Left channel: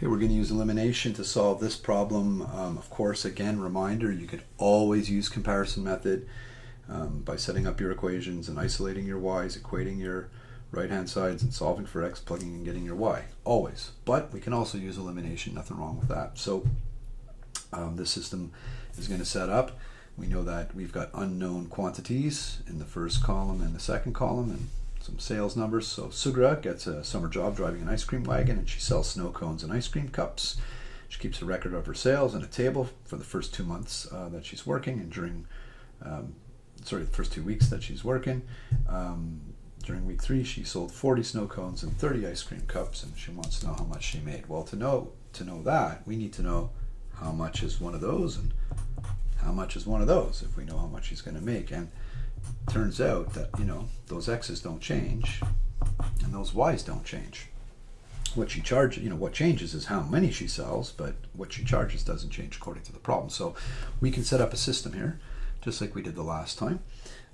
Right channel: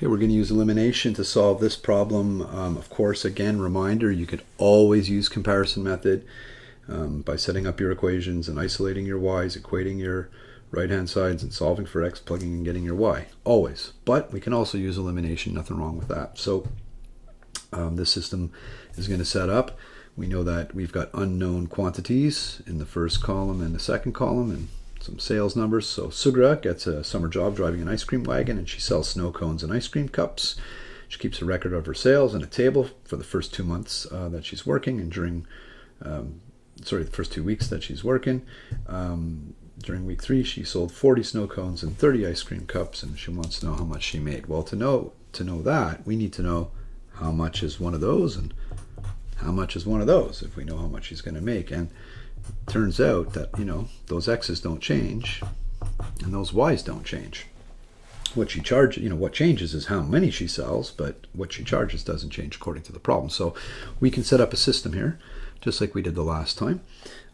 Okay, we're going to use elimination to solve this problem. Of course, again, reminder, you could always use comparison method by setting up your equations and isolating your y's, equating your right-hand sides and solving for x, plugging and getting your y, always. But we can also use elimination, nothing wrong with that. So this system is going to set up. We know that we've got unknown quantities in the first column and the second column, and some sales numbers. So Sugra gets a summer job driving an ice cream wagon, and she sells snow cones and ice cream cups. She keeps a record of her sales and a table for the first 2 months that she's working, and during the first 2 weeks that she's working. During week 3, she sold 40 snow cones and 30 ice cream cups, and she wants to know how much she made. Well, to know that, we need to know how much is one of those and how much is one of those, if we know how much she's going to make. And it turns out that, those x's don't change and those y's don't change. What she charges, what changes is how many she sells, but what she charges doesn't change according to the problem. So we can set up a system here, just like we did the last time.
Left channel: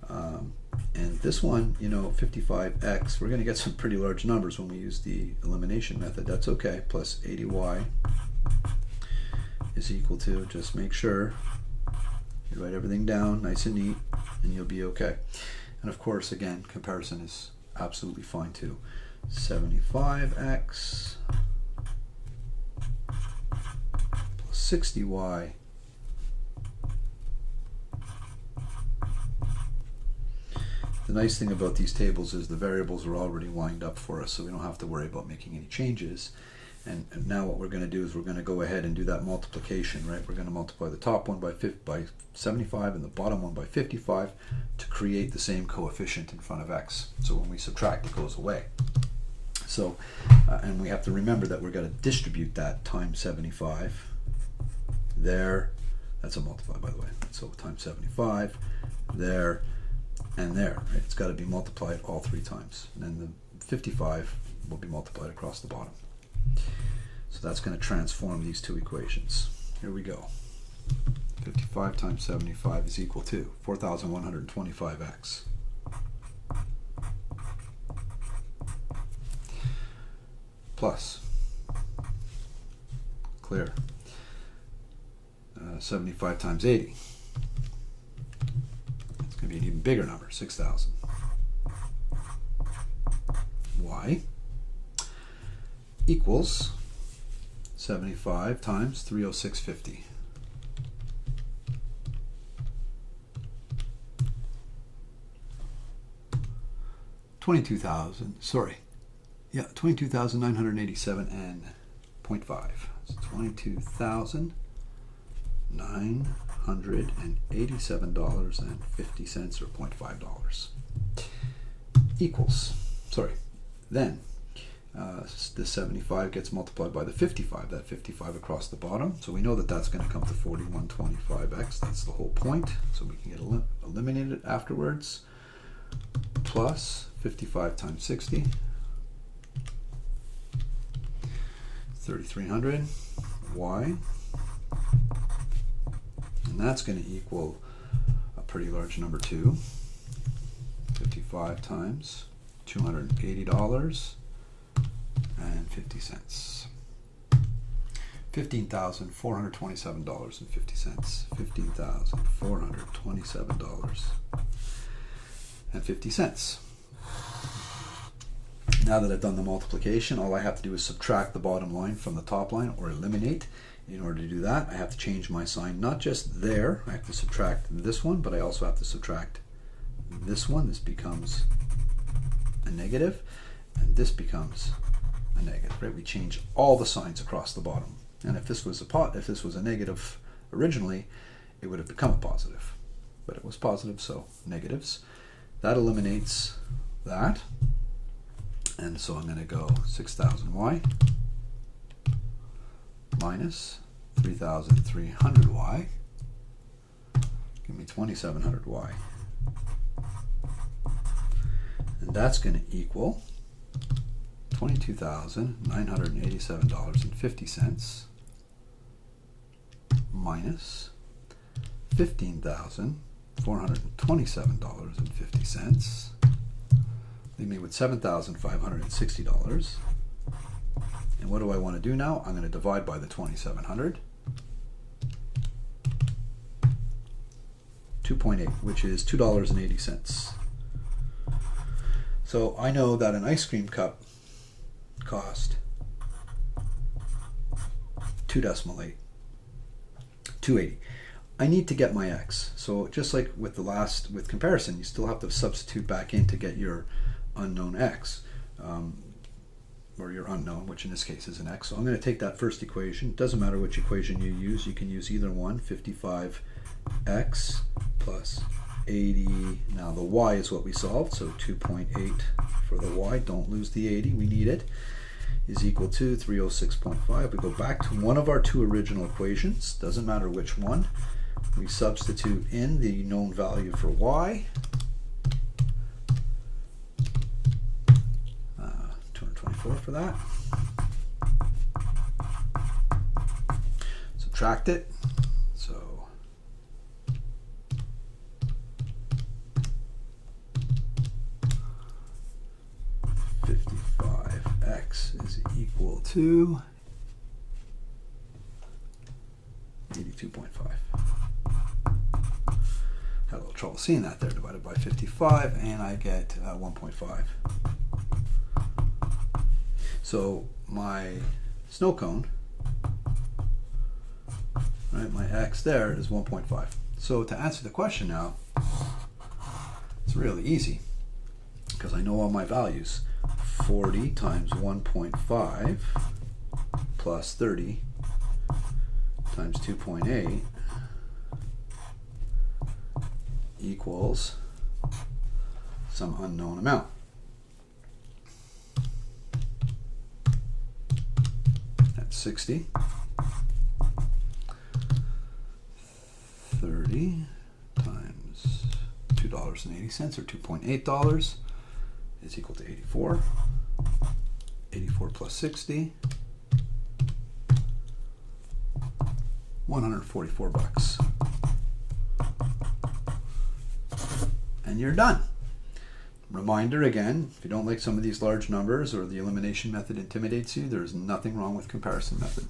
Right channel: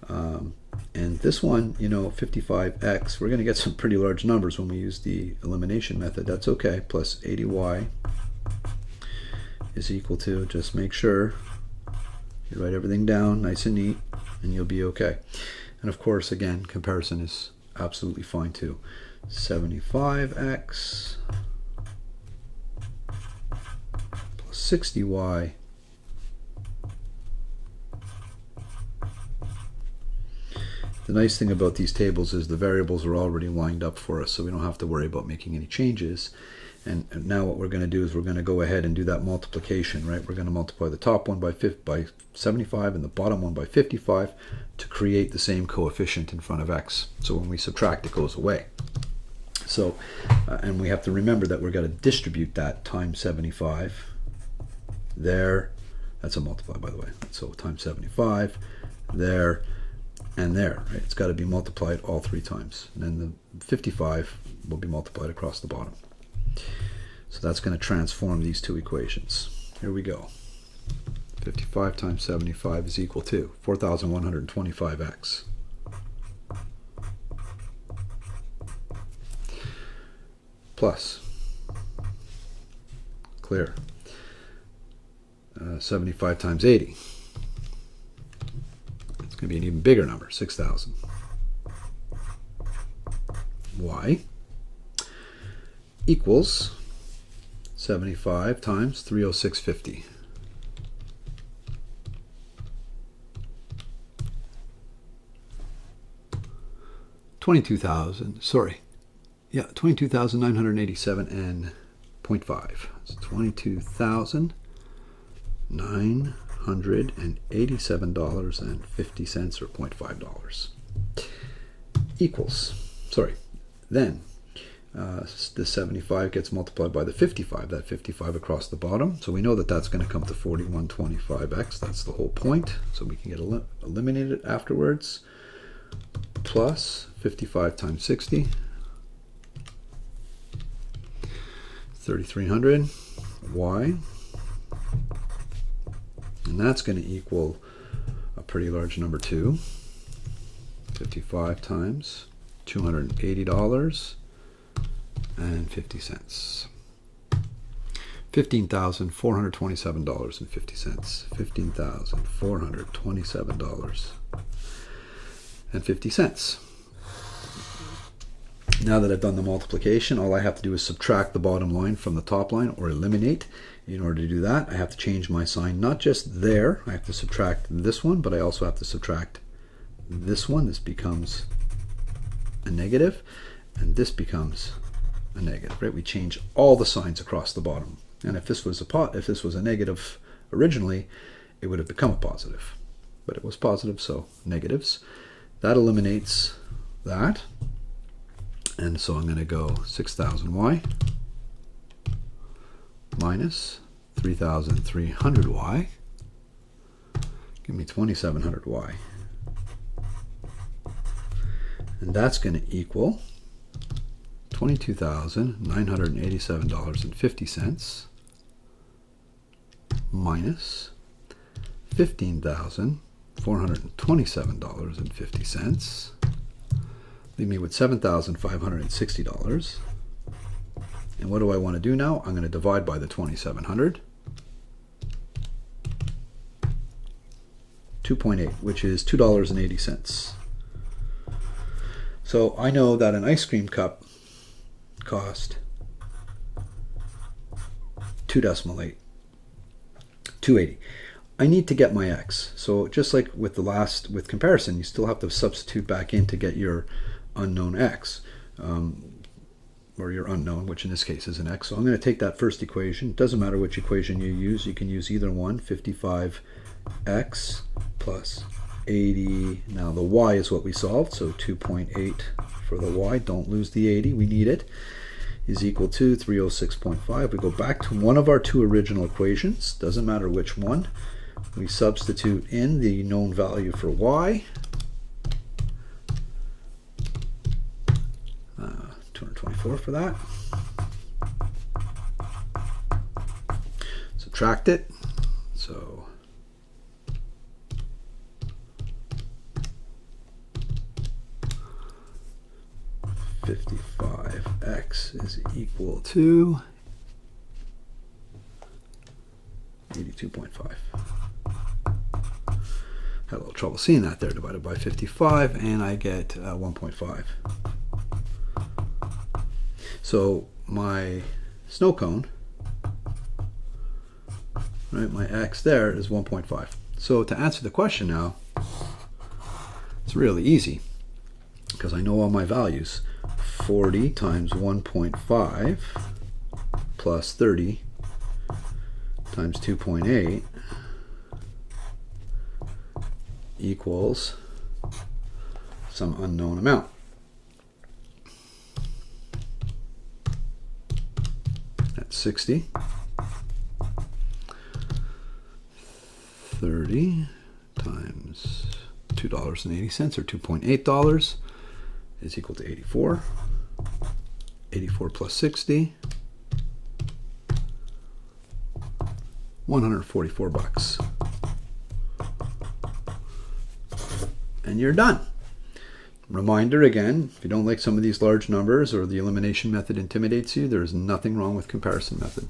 And this one, 55x, we're going to get some pretty large numbers when we use the elimination method. That's okay. Plus 80y is equal to, just make sure you write everything down nice and neat, and you'll be okay. And of course, again, comparison is absolutely fine too. 75x plus 60y The nice thing about these tables is the variables are already lined up for us, so we don't have to worry about making any changes. And now what we're going to do is we're going to go ahead and do that multiplication, right? We're going to multiply the top one by 75 and the bottom one by 55 to create the same coefficient in front of x. So when we subtract, it goes away. So, and we have to remember that we're going to distribute that times 75 there. That's a multiply, by the way. So times 75 there and there, right? It's got to be multiplied all 3 times. And then the 55 will be multiplied across the bottom. So that's going to transform these 2 equations. Here we go. 55 times 75 is equal to 4,125x. Plus, clear, 75 times 80. It's going to be an even bigger number, 6,000. Y equals 75 times 306.50. $22,987 and 0.5. It's $22,987.50 or $0.5 equals, then the 75 gets multiplied by the 55, that 55 across the bottom. So we know that that's going to come to 4125x. That's the whole point. So we can get eliminated afterwards. Plus 55 times 60, 3,300 y. And that's going to equal a pretty large number too. 55 times $280.50. $15,427.50. $15,427.50. Now that I've done the multiplication, all I have to do is subtract the bottom line from the top line, or eliminate. In order to do that, I have to change my sign, not just there. I have to subtract this one, but I also have to subtract this one. This becomes a negative, and this becomes a negative, right? We change all the signs across the bottom. And if this was a negative originally, it would have become a positive. But it was positive, so negatives. That eliminates that. And so I'm going to go 6,000y minus 3,300y. Give me 2,700y. And that's going to equal $22,987.50 minus $15,427.50. Leave me with $7,560. And what do I want to do now? I'm going to divide by the 2,700. 2.8, which is $2.80. So I know that an ice cream cup cost 2.8, 280. I need to get my x. So just like with comparison, you still have to substitute back in to get your unknown x, or your unknown, which in this case is an x. So I'm going to take that first equation. It doesn't matter which equation you use. You can use either one. 55x plus 80. Now the y is what we solved, so 2.8 for the y. Don't lose the 80. We need it. Is equal to 306.5. We go back to one of our two original equations. Doesn't matter which one. We substitute in the known value for y. 224 for that. Subtract it. So x is equal to 82.5. Had a little trouble seeing that there, divided by 55, and I get 1.5. So my snow cone, right, my x there is 1.5. So to answer the question now, it's really easy because I know all my values. 40 times 1.5 plus 30 times 2.8 equals some unknown amount. That's 60. 30 times $2.80 or $2.8 is equal to 84. 84 plus 60, 144 bucks. And you're done. Reminder again, if you don't like some of these large numbers or the elimination method intimidates you, there's nothing wrong with comparison method.